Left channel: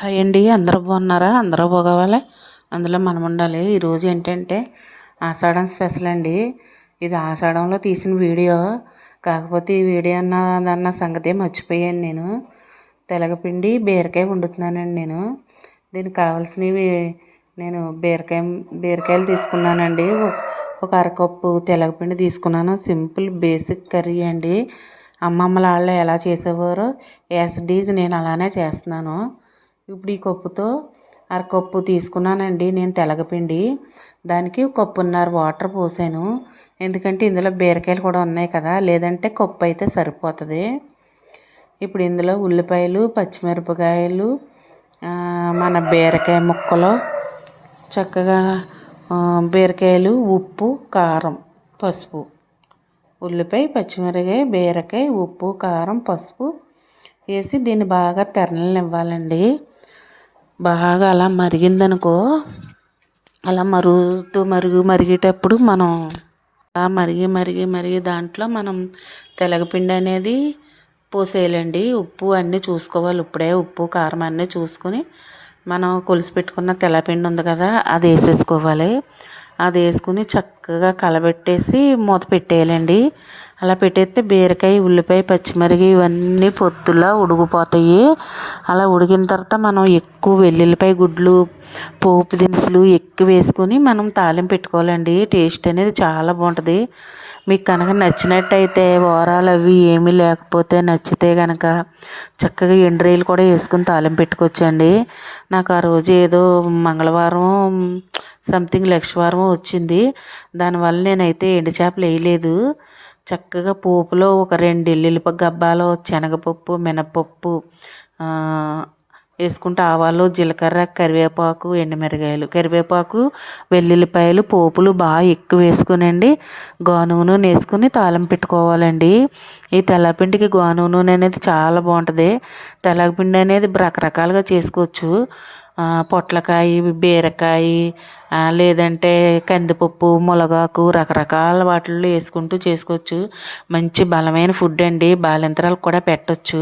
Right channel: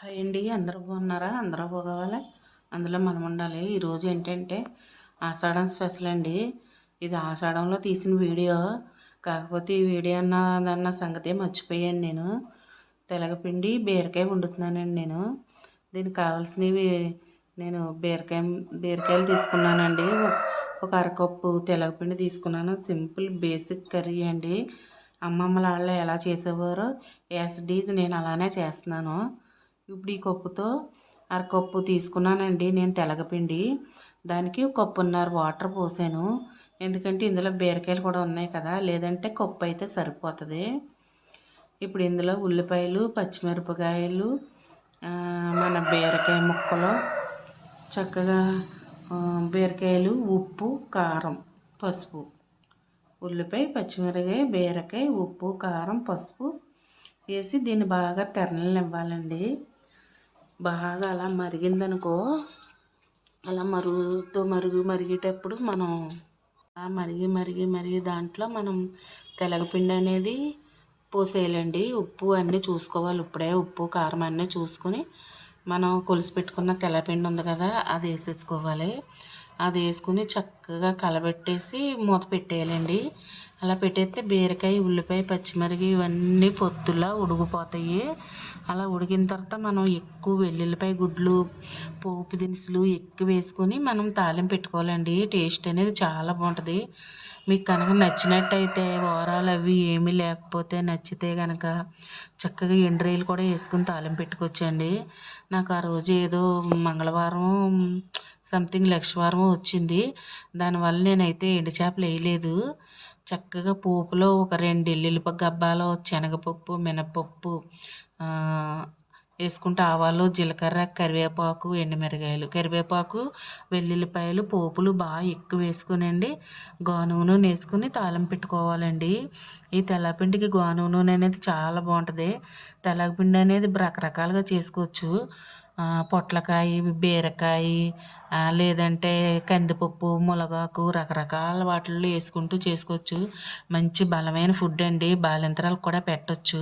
Hi అండి, అందరూ బాగున్నారా? అందరూ బాగోవాలి, అందులో మనం ఉండాలి. ఈరోజు ఏంటంటే ఆషాఢం స్పెషల్ అండి. ఇది ఆషాఢంలో తీసిన వీడియో. కాకపోతే ఈ వీడియో అన్న సంగతే మర్చిపోయాను నేను. తెలగపిండి బీరకాయ వండుతున్నానండి నేను. దీనికి కావాల్సినవి నేను బీరకాయలు తీసుకున్నానండి. ఒక అరకప్పు తెలగపిండి తీసుకున్నాను. సింపుల్ బేసిక్ కర్రీ అండి. అమ్మమ్మల వాళ్ళు ఎలా చేసేవారో యాజ్ ఇట్ ఈజ్ నేను అలానే చేస్తున్నాను. ఇప్పుడు ఈ కప్పుతో అరకప్పు తీసుకున్నానండి నేను తెలగపిండి. దానికి కప్పున్నర వాటర్ పోసాను. ఎందుకంటే ఇందులో బీరకాయలు కూడా ఉన్నాయి కదా, లేదంటే కప్పు అయితే సరిపోతుంది. ఇప్పుడు ఇందులో ఉల్లిపాయలు, పచ్చిమిరపకాయలు, మన బీరకాయ ముక్కలు, చక్కగా బీరకాయలు, ఉప్పు, కారం, పసుపు, ఉల్లిపాయ, పచ్చిమిరపకాయ, బీరకాయ, ఉప్పు, కారం, పసుపు వేసి దీన్ని బాగా తెరలనివ్వాలండి. బాగా అలా మరిగిందనుకో, అలా మరిగేటప్పుడు మనం మరిగి దాంట్లో మనం తెలగపిండి అనేది పోసేయాలండి. ఉప్పు అన్నీ చూసుకోవాలి. ఇప్పుడే ఉప్పు కారం అన్నీ చూసుకొని మనం కొలిసి పెట్టుకున్న తెల్లపిండి ఉంది కదా, అది వేసేసుకోవాలి. అది వేసుకుని చక్కగా కలబెట్టేసి మూత పెట్టేయాలండి. అలా పెట్టేస్తే బీరకాయ, ఉల్లిపాయ, పచ్చిమిరపకాయ ఇవన్నీ పొత్తులా ఉడికిపోతాయి. అలా ఉడికిన తర్వాత మనం ఎక్కువ వెల్లుల్లిపాయ గుడ్లు, పోపు దినుసులు ఎక్కువ వేసుకొని మనం తాలింపు పెట్టుకోవాలండి. టేస్ట్ అనేది చాలా బాగుంటుంది. మీకు కనుక నచ్చినట్టయితే ఓరాలు అవి ఏమీ లేకపోతే నచ్చితే కనుక చక్కగా ఎండ్రాయిలు కూడా వేసుకొని తాలింపు పెట్టుకోవచ్చండి. నాకు ఆ రోజు ఏదో మంగళవారం సంథింగ్ లక్షవారం వచ్చింది. దానివల్ల నేనైతే ఎండు చేపలు వేయలేదు. చక్కగా పోపులో ఒక 2 ఎల్లుల్లిపాయ గబ్బాలు, శనగపప్పు, మినపప్పు వేసుకుంటే ఆవాలు, జీలకర్ర, కరివేపాకు, ఎండుమిరగాయలు, కరివేపాకు, వెల్లుల్లిపాయలు, పోపులు బాగా ఎక్కువ వేసుకునండి నూనె వేసుకుని తాలింపు పెట్టుకోవాలండి. ఈ తెల్లపిండికి నూనె అనేది చాలా బాగుంటుంది. తెల్లపిండి అనేది రకరకాలుగా చేసుకోవచ్చు. పొట్లకాయ, బీరకాయ, లేదంటే కందిపప్పు, మునగాకు రకరకాల వాటిల్లో వేసుకుంటూ చేసుకోవచ్చు. మంచి బలమైన ఫుడ్ అండి. బాలింతరాలకు కూడా పెట్టవచ్చు.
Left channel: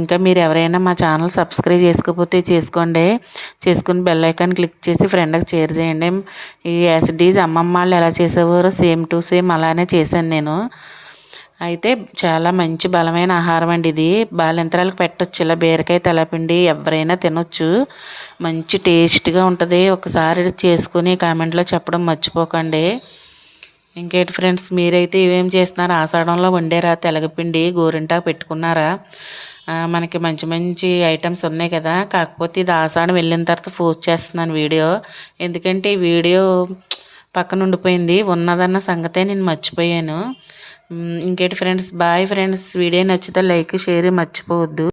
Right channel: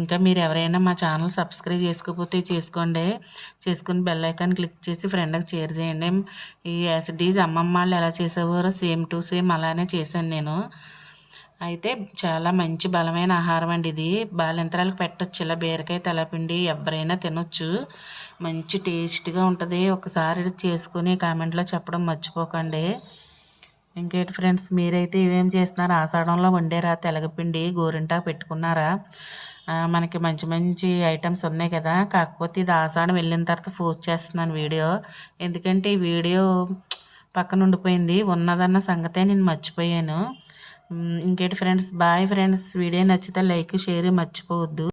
ఇంకా మీరు ఎవరైనా మా ఛానల్ సబ్స్క్రైబ్ చేసుకోకపోతే చేసుకోండి. చేసుకుని బెల్ ఐకాన్ క్లిక్ చేసి ఫ్రెండ్కి షేర్ చేయండి. ఈ యాజ్ ఇట్ ఈజ్ అమ్మమ్మ వాళ్ళు ఎలా చేసేవారో సేమ్ టు సేమ్ అలానే చేశాను నేను. అయితే చాలా మంచి బలమైన ఆహారం అండి ఇది. బాలింతరాలకు పెట్టవచ్చు. ఇలా బీరకాయ తెల్లపిండి ఎవరైనా తినొచ్చు. మంచి టేస్ట్గా ఉంటుంది. ఒకసారి చేసుకుని కామెంట్లో చెప్పడం మర్చిపోకండి. ఇంకేంటి ఫ్రెండ్స్, మీరైతే ఏమేమి చేస్తున్నారు? ఆషాఢంలో వండారా? తెలగపిండి గోరింటాకు పెట్టుకున్నారా? మనకి మంచి మంచి ఐటమ్స్ ఉన్నాయి కదా. కాకపోతే ఇది ఆషాఢం వెళ్ళిన తర్వాత పోస్ట్ చేస్తున్నాను వీడియో. ఎందుకంటే ఈ వీడియో పక్కన ఉండిపోయింది. ఉన్నదన్న సంగతే నేను మర్చిపోయాను. ఇంకేంటి ఫ్రెండ్స్, బాయ్ ఫ్రెండ్స్. వీడియో నచ్చితే లైక్, షేర్ మర్చిపోవద్దు.